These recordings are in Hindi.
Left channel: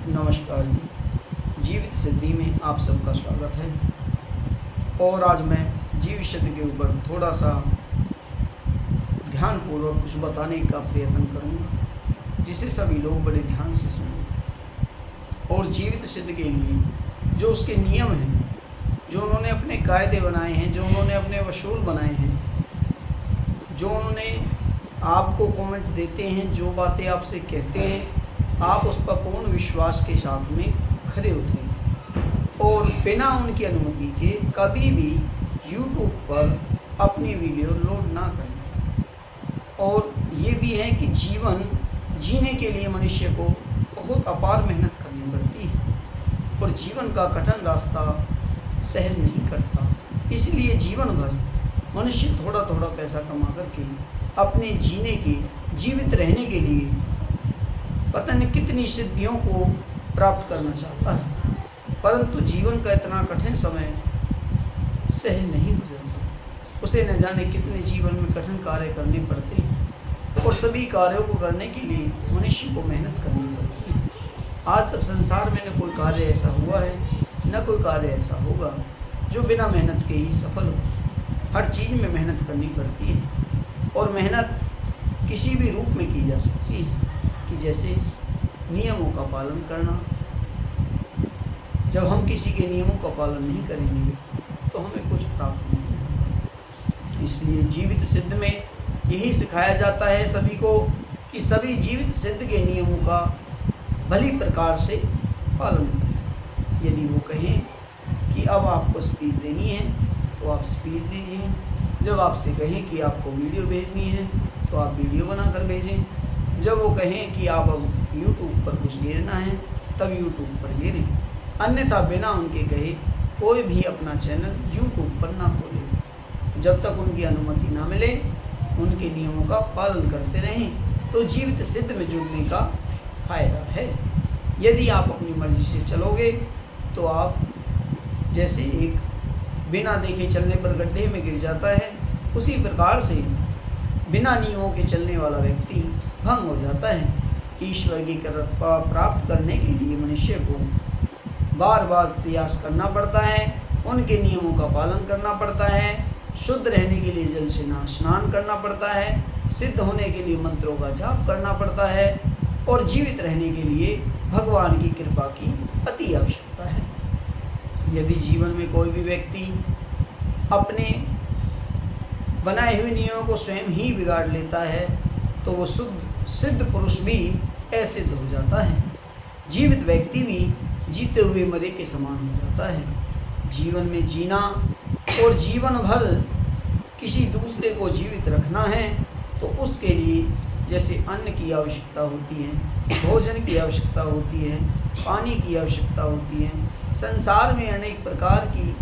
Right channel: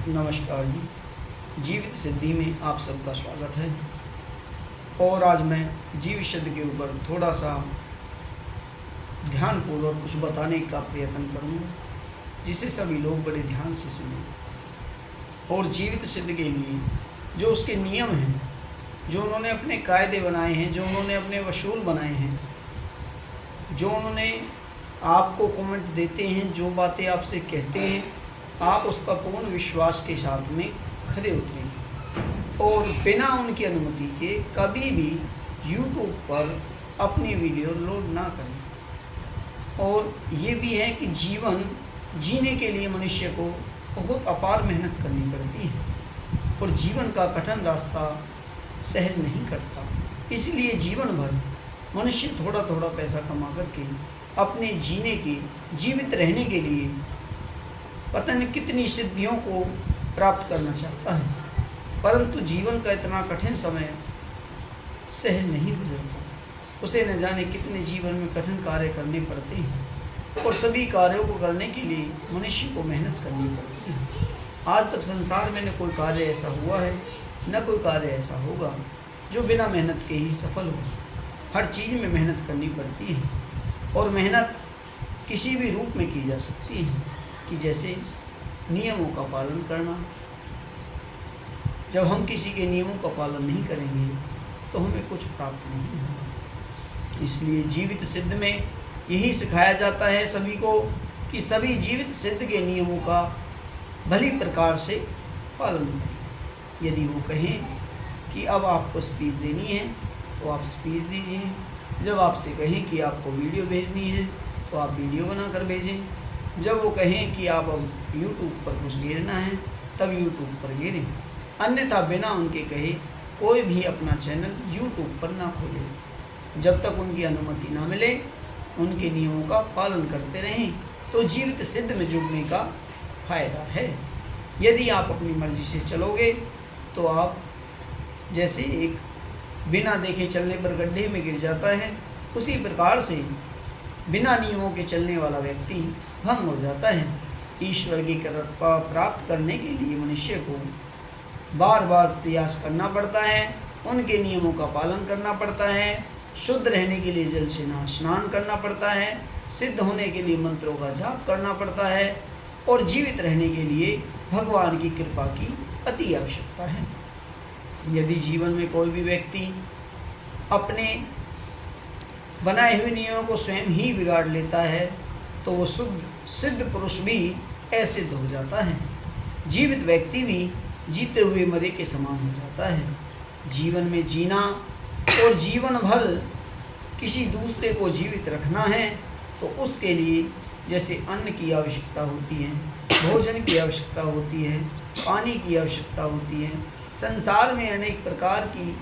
नमस्कार जी। जीवित सिद्धि में आप सबका स्वागत है। और आज मैं जीवित सिद्धि के ऊपर थोड़ा सा ध्यानपूर्वक कुछ बताने का प्रयत्न करूँगा, जिसे सभी लोग बड़े ध्यान से सुनें। और जीवित सिद्धि के लिए जो उसके नियम हैं, जो उन्होंने अपने कायदे बनाए हैं, जो उन्होंने अपने वसूल बनाए हैं, जो उन्होंने आपको कमेंट देते हैं, जो बातें आपसे कहते हैं, आप उस पर पूर्ण विश्वास के साथ में खरे उतरें और बिना उनकी अनुमति के कभी भी YouTube पर अपनी वीडियो लोड ना करें। और ये भी है कि जीवन जीने के लिए मनुष्य को बहुत अपार मेहनत करनी पड़ती है और जीवन का कठिन रास्ता सहज नहीं कटता। इसलिए जीवन भर मनुष्य थोड़ा थोड़ा पैसा कमा करके अपने जीने के, जीवित रहने के लिए पता नहीं कितनी सिद्धियों को प्राप्त करना चाहता है, परंतु जीवन का इतना कठिन समय सहज नहीं गुजरता। उसे न जाने कितने जीवन में कठिन कार्य करने पड़ते हैं और सभी कार्यों को करने के लिए मनुष्य को मेहनत करनी पड़ती है। आज तक संसार में न कोई कार्य ऐसा हुआ है, न कोई कार्य ऐसा होगा जो बिना मेहनत के ही सफल हो। हर चीज़ में मेहनत करनी पड़ती है और मेहनत किसी भी रूप में की जा सकती है, कि जैसे नियमों का पालन करना। जब हम किसी के नियमों का पालन नहीं करेंगे तो हमें कुछ प्राप्त नहीं होगा। इसलिए जीवित सिद्ध में यही सिखाया जाता है सभी को कि सभी जीवित सिद्ध के नियमों का भली प्रकार से पालन करें। यदि वो कहें कि अब आपको स्पीच देनी है तो आप स्पीच दीजिए। जब आपसे कहें कि आपको वीडियो भेजनी है तो आप वीडियो बनाकर भेजें। जब वो कहें कि आप अब YouTube पर कुछ गिरना है तब YouTube पर गिरें। अन्यथा बिना उनके कहे कोई भी अपना चैनल YouTube पर ना खोले। जब तक उनकी अनुमति ना मिले उनके नियमों का पालन करते रहें तो जीवित सिद्ध में जुड़ने का फ़ायदा है। यदि आप अपनी मर्ज़ी से चलोगे तो आप जैसे एक बिना देखे चलने पर गड्ढे में गिर जाता है, उसी प्रकार से बिना नियमों के चलने वाला व्यक्ति भंग हो जाता है। ईश्वर की कृपा प्राप्त करने के लिए मनुष्य को बार बार प्रयास करना पड़ता है, उनके नियमों का पालन करना पड़ता है, शुद्ध रहने के लिए जल से स्नान करना पड़ता है, सिद्ध होने के लिए मंत्रों का जाप करना पड़ता है और जीवित रहने के लिए भगवान की कृपा की अति आवश्यकता है। यदि जीवन में कोई भी व्यक्ति अपने बनाए हुए नियमों को स्वयं ही बिगाड़ लेता है तो वो शुद्ध सिद्ध पुरुष भी असिद्ध हो जाता है। जीवित व्यक्ति भी जीते हुए मरे के समान हो जाता है। जीवन में जीना और जीवन भर किसी दूसरे को जीवित रखना है तो उसके लिए जैसे अन्न की आवश्यकता होती है, भोजन की आवश्यकता होती है, पानी की आवश्यकता होती है, संसार में अनेक प्रकार की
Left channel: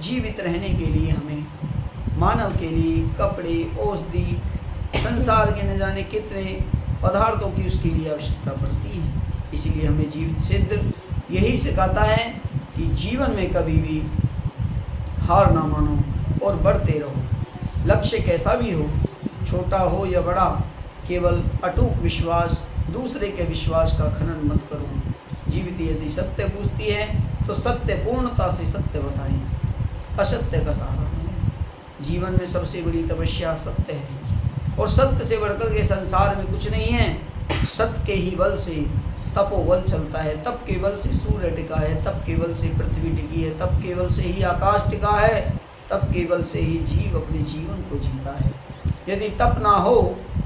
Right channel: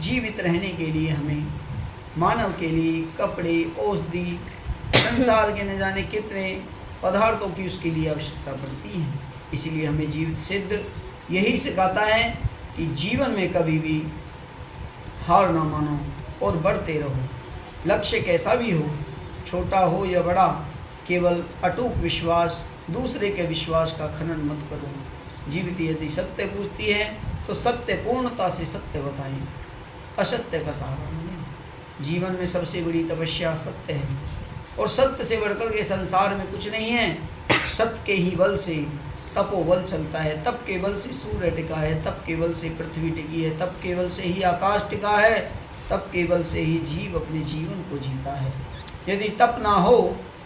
जीवित रहने के लिए हमें मानव के लिए कपड़े, औषधि, संसार के न जाने कितने पदार्थों की उसके लिए आवश्यकता पड़ती है। इसीलिए हमें जीवित सिद्ध यही सिखाता है कि जीवन में कभी भी हार ना मानो और बढ़ते रहो। लक्ष्य कैसा भी हो, छोटा हो या बड़ा, केवल अटूट विश्वास, दूसरे के विश्वास का खनन मत करो। जीवित यदि सत्य पूछती है तो सत्य पूर्णता से सत्य बताएं, असत्य का सहारा न लें। जीवन में सबसे बड़ी तपस्या सत्य है और सत्य से बढ़कर के संसार में कुछ नहीं है। सत्य के ही बल से तपोबल चलता है, तप के बल से सूर्य टिका है, तप के बल से पृथ्वी टिकी है, तप के बल से ही आकाश टिका है, तप के बल से ही जीव अपने जीवन को जीता है। यदि तप ना हो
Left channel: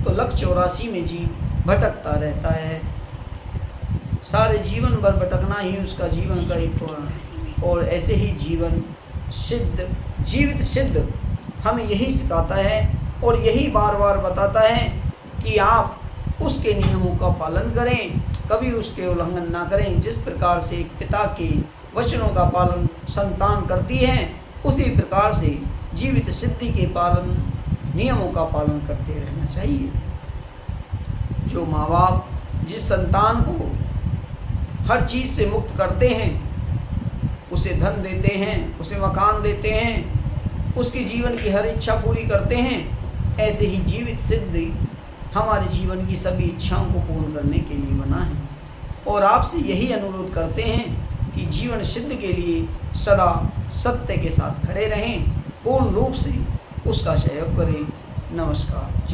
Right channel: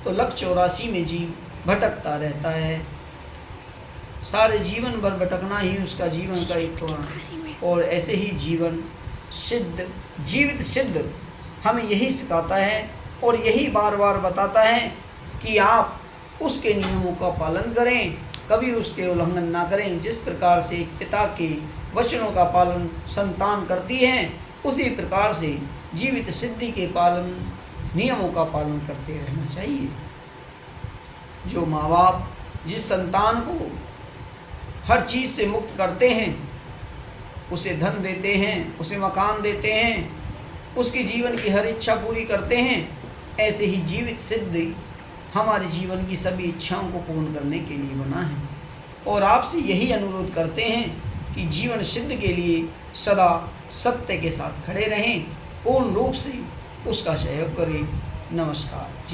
तो 184 में जीव भटकता रहता है। सारे जीवन भर भटकना ही उसका जीवन का एक और ऐसे ही जीवन सिद्ध, जीवित सिद्ध हमें यही सिखाता है और यही बार बार बताता है कि आप उसके नियमों का पालन करें, कभी उसके उल्लंघन ना करें। जिस प्रकार से पिता के वचनों का पालन संतान करती है, उसी प्रकार से जीवित सिद्धि के पालन, नियमों का पालन करते रहना चाहिए। जो माँ बाप जिस संतान को हर चीज़ से मुक्त करते हैं, उसे धन देते हैं, उसे मकान देते हैं, उसके जीवन की हर इच्छा पूरी करते हैं, ऐसे ही जीवित सिद्धि हमारे जीवन की सभी इच्छाओं को पूर्ण करने के लिए बना है। और आपसे यही अनुरोध करते हैं कि जीवन सिद्ध के लिए सदा सत्य के साथ खड़े रहें, पूर्ण रूप से उसका सहयोग करें। नमस्कार।